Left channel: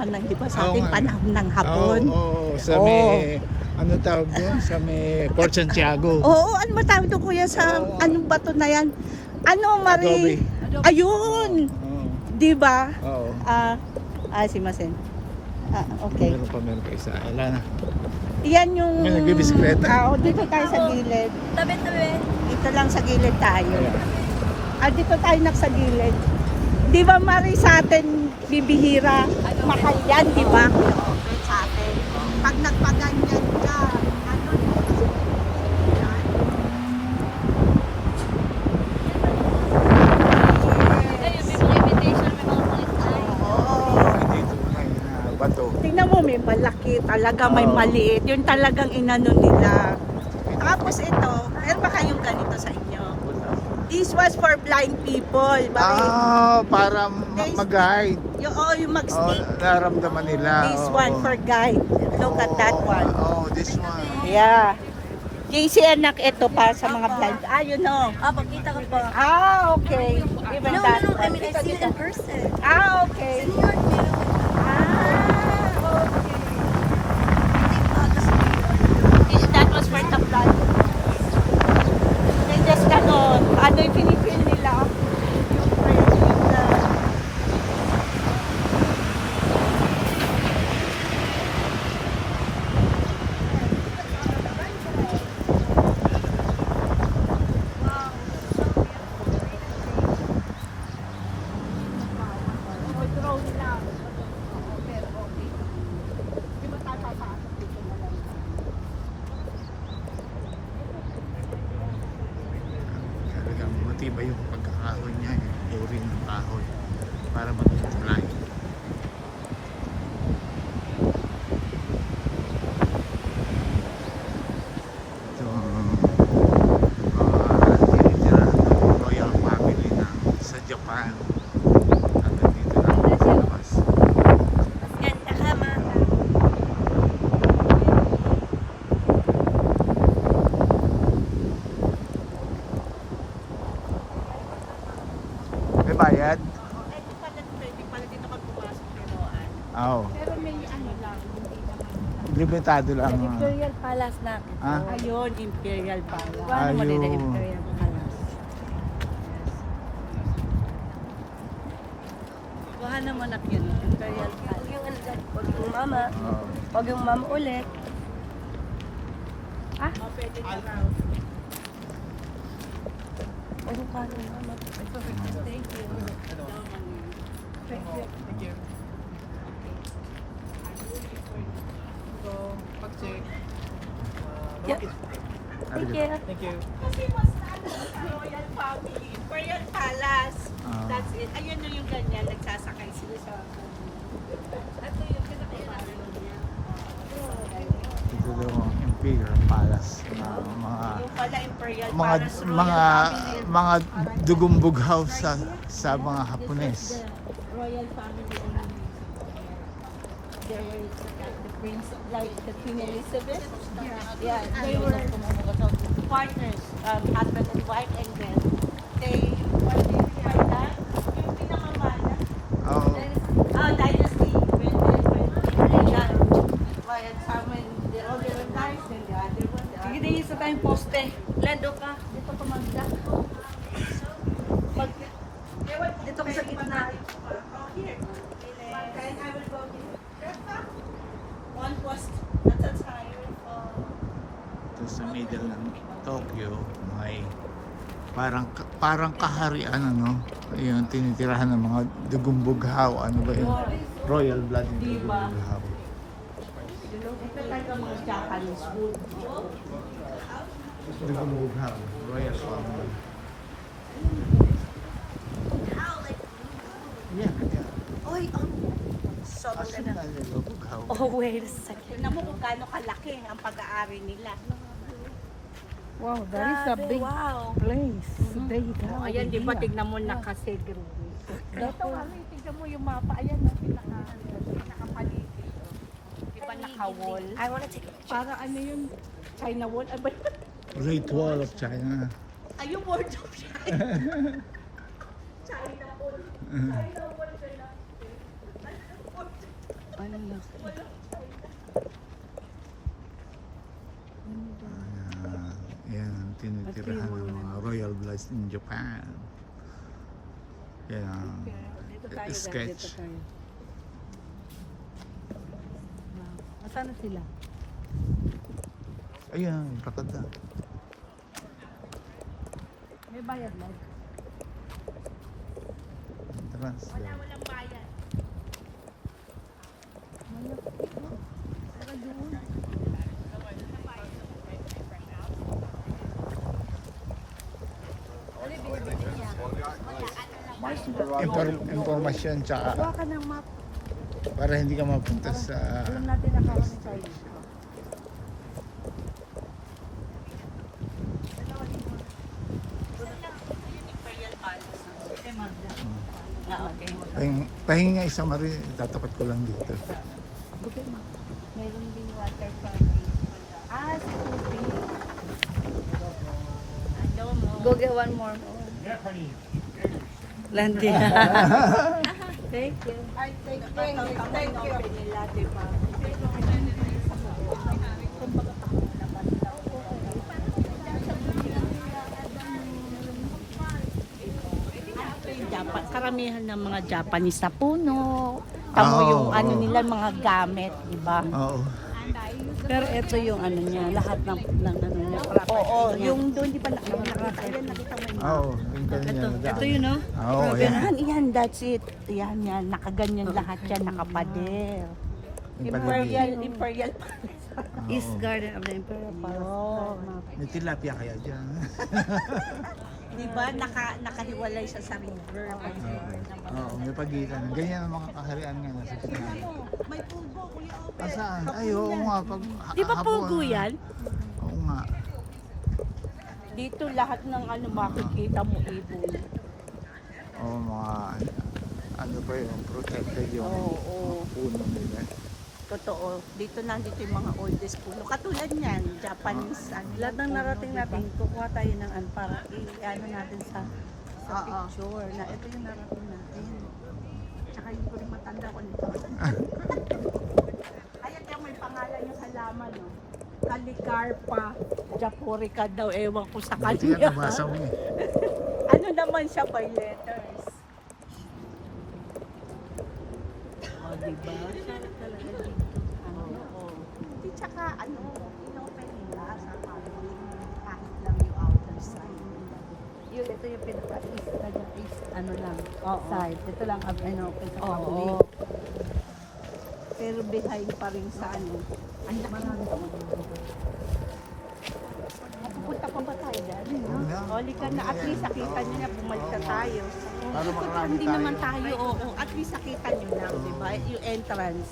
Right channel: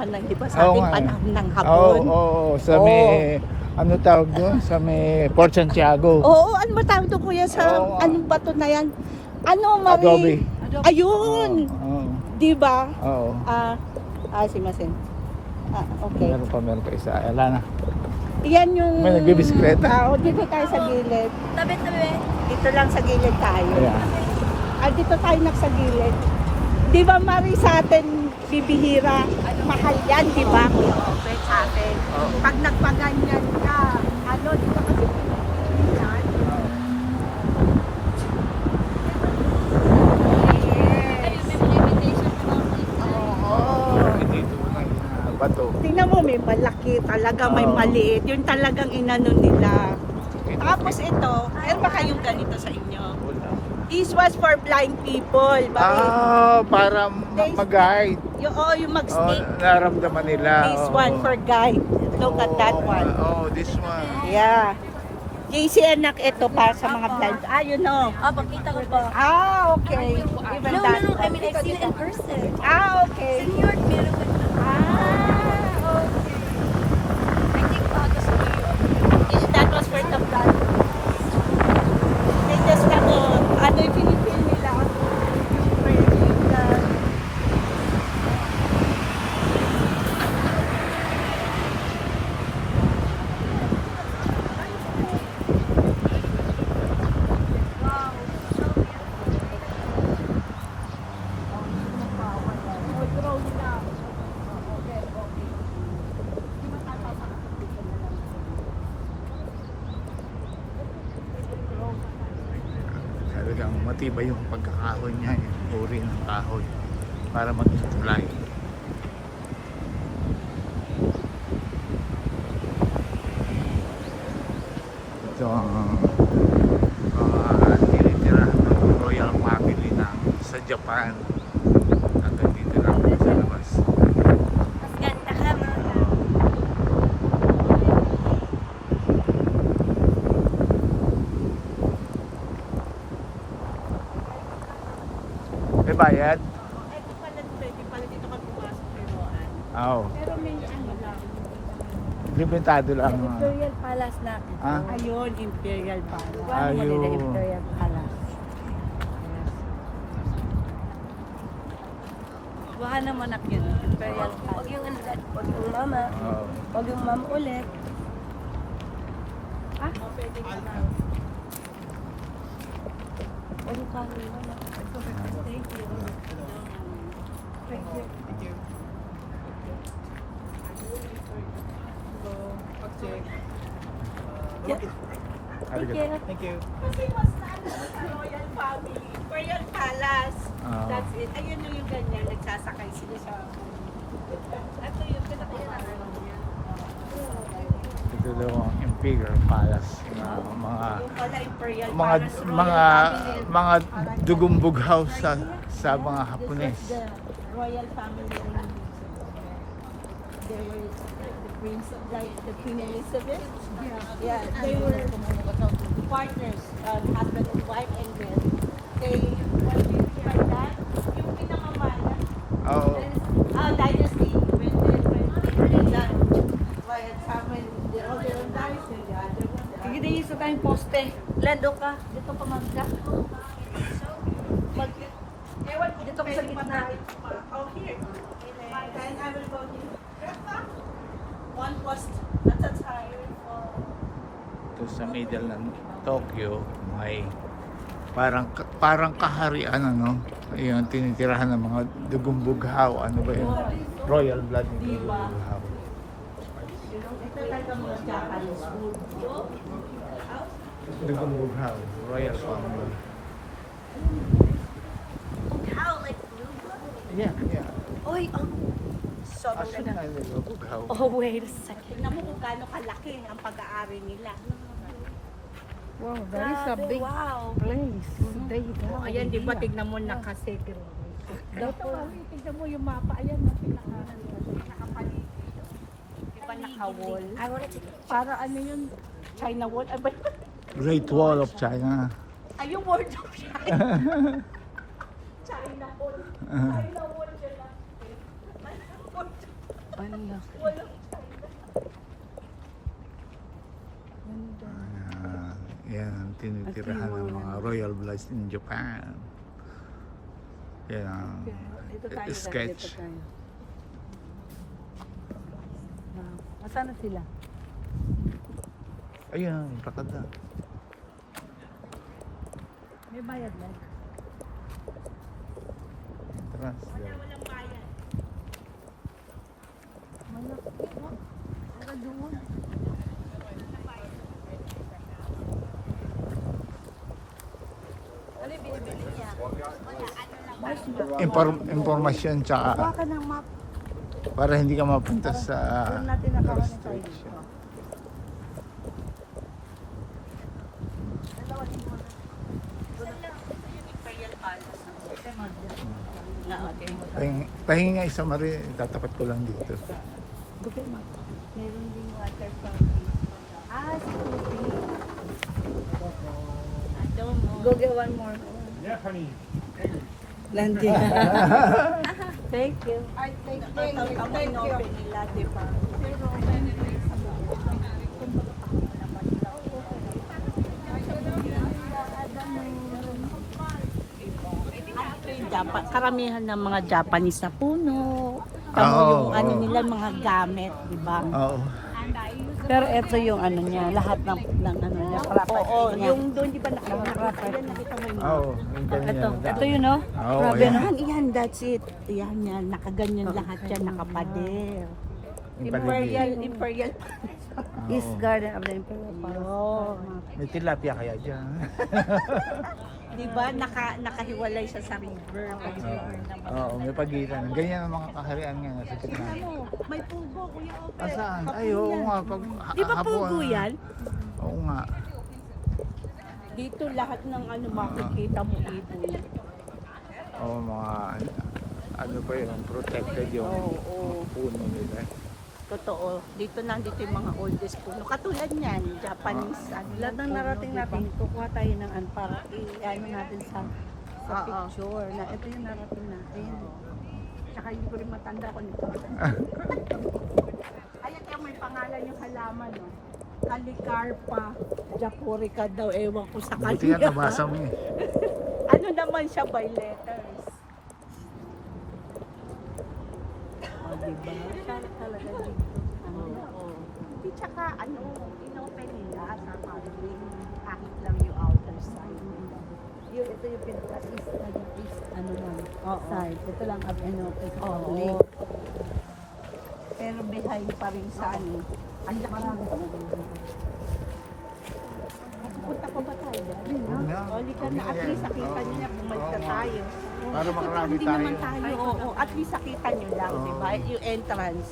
ka lang, di ba? Oo Sabi nga. panahon ng Oo, hapon. sa may, ano tawag doon? Sa may Port Santiago. Oo, ano ba tawag doon kuya sa Oo nga. anong bato na yan? Ano, Adobe. Marie? Ayun! Oo. Di ba? Oo. Simasen. Okay. Meron pa isa. Wala na. Yan yung... May nagbibisikleta. Dito tayo sa gilid. Tabi-tabi. Dito lang sa gilid tayo. Ayan. Dito tayo sa gilid. Di ba Marie sa atin bibihira? Mahal yan, di ba? Okay sa atin. Pag nagpaganyan ka, ano, di ba kasi yan? Ayun, may mga invitation from outside. Bato. Tingnan mo, may malaki talaga, may maliit. Yun talagang inano nila. Tapos ito, meron ba kayong ganito sa inyo? This was for blind people. Para mag-guide. Yung mag-stick. Naramdaman nila. This one for guide. Look at that one. This one. Yeah. JC anak, ito pa sa mga blind. You know. Pakita ko ba? Okay. Even No, that no, I one. mean, I've seen it in person. Okay. Senior beautiful. That was for the blind. They just ano yung pinipil nila? Wow, so beautiful. Drone lang. Okay. Di ba tataas? Talagang matibay yung pagkakahoy niya. Yung uri ng kahoy. Para maging tulay. Ito ang tinitirahan ng royal family sa Japan. Hanggang dito lang sa labas. Ganda ka, ma. May bayad? Ito pala, pwede pala dito ka pumasok kay Roan. Oo. Pero may ano lang. Limitado lang. Imperial Palace na. Ayun, Imperial Palace. Paano mo nila Ayun. Imperial Palace? Baka naman na yun. Huwag yung mama. Oo. Huwag yung mama ulit. Pwede na. Ano ka rin mama? Thank you. Thank you. Yeah. Thank you. Kasi mas ano sa Royal Family. Imperial Palace. That's it. Ayun yung ganyan. Nagsasakay sila sa... Ito yung pinapakaroon niya. Ito daw ang Imperial Palace na mga Yung pala Imperial mga Palace. Royal mga Family. mga dugumbughaw sa mga Hapones. Royal Family. The Queen, like the Queen Elizabeth. Yeah, they were partners, husband and wife, and then they like that. Yung pinakaman. Oo. Dynasty. When Royal Family, the older one dies, and the other one dies. Sige din isa tayong poste. Lando ka. Dito ko mag Dito ka sa gitna. Oh, here. And I will go here. One post at a time. Ito sa middle ng Tokyo may parang kaharian ano. Ayun, tinitirahan ng mga dugumbughaw. Ano ba yun? Royal blood ng dugumbughaw. Ito talaga mga Japanese food. Dugumbughaw. Royal family. How like Yeah. Oy, oh. Aso na dugumbughaw. Oh, wait a second. Tingnan mo kung gaano kalaki ang pag-aari nila. Wow, that is a big Wow. place. They have Ayan, di ba, here. tignan mo nakasegregate. Ito, mami, tignan mo yung mapa. Ayan, no, pinakapaligid. Di ba naka-wall? I wanna take a Para ano yun? China wall? Great Wall of China. Ay, yung word of China. China wall. China wall. tinitirahan ng mga royal bloods in Japan. Yan ang Dito tayo. sketch. Dito tayo. Wow. Asan na sila? Ayun, lakad na. May bayad lang. Trans. Walang bayan. Informasyon tsaka Kuha ka ng map. para hindi ka mapunta sa Doon natin nakawa ni tayo. Imperial Palace. Okay. pahinga isang mari, tatapat ko lang dito. Bukay map. Meron din water fountain. Ah, si Tupi. Adomo. Go get one more. Landing. Thank you. I thank you. Thank you. Nila, di ba? Japan, karamihan ng mga Japanese na puno. Kamo Oo, yung ano oo. nila, mga gamit, di ba? Oo. Pero ito yung ano niya, lahat ng ano niya. Oo, Yung doon di pa nakita. Ayan, nakita mo yun. Oo, yung ganyan. Ito yun, no? Oo, Grabe ayan. naman, yan, that's it. Yan, yan, nakaganyan lahat yan, nakapader. Yung paligid. Imperial. Oo. East Garden of the Imperial Palace. Oh. May tilapia kaya dyan. Di ba, nakahiwalay siya sa river. Oo, may pagitan. Ganyan ang mga kaharian nga nasa gitna. Ano, may pulbo, Kuya Ope. Asan? Ay, oo nga. Pag, Di ba pulbo yan? Oo nga. Dito lahat ng ano makikita mo ibon. Oo, mga ano pa yun, protected yung Oo. puno nila. Totoo. Dito nandito yung mga oldest puno. Katulad niyan, Japanese. ano, Lahat ng puno, narating diba? natin, kukuha tayo ng para i-ano natin sa Oo. picture na ito yung narating natin. Tsaka hindi ko rin matanda kung ito. Ayan ka, may pangalan yung halaman. No? Calicarpa Japorica daw. Ewan ko sa Buti yan, kanya. nabasa mo. Ano naman siya by letters? O, diba? Sana talaga dito. Ano, oo. Hindi, tsaka, ano, inopen nila sa public. Kahit lang yung outer side. Yun, ito yung pinaka-east, east, ano lang, Oo. side. Ito lang, ano, pinaka-public. Oo. Pero behind pa rin sa ano. Ang laki mo. Pupunta pa ba tayo dali, no? Oli ka na, at least nakita niya na bumalik na tayo. Para makarami Hindi tayo. naman tayo, oo. At least nakita niyo lang, Oo. di ba? Yung entrance.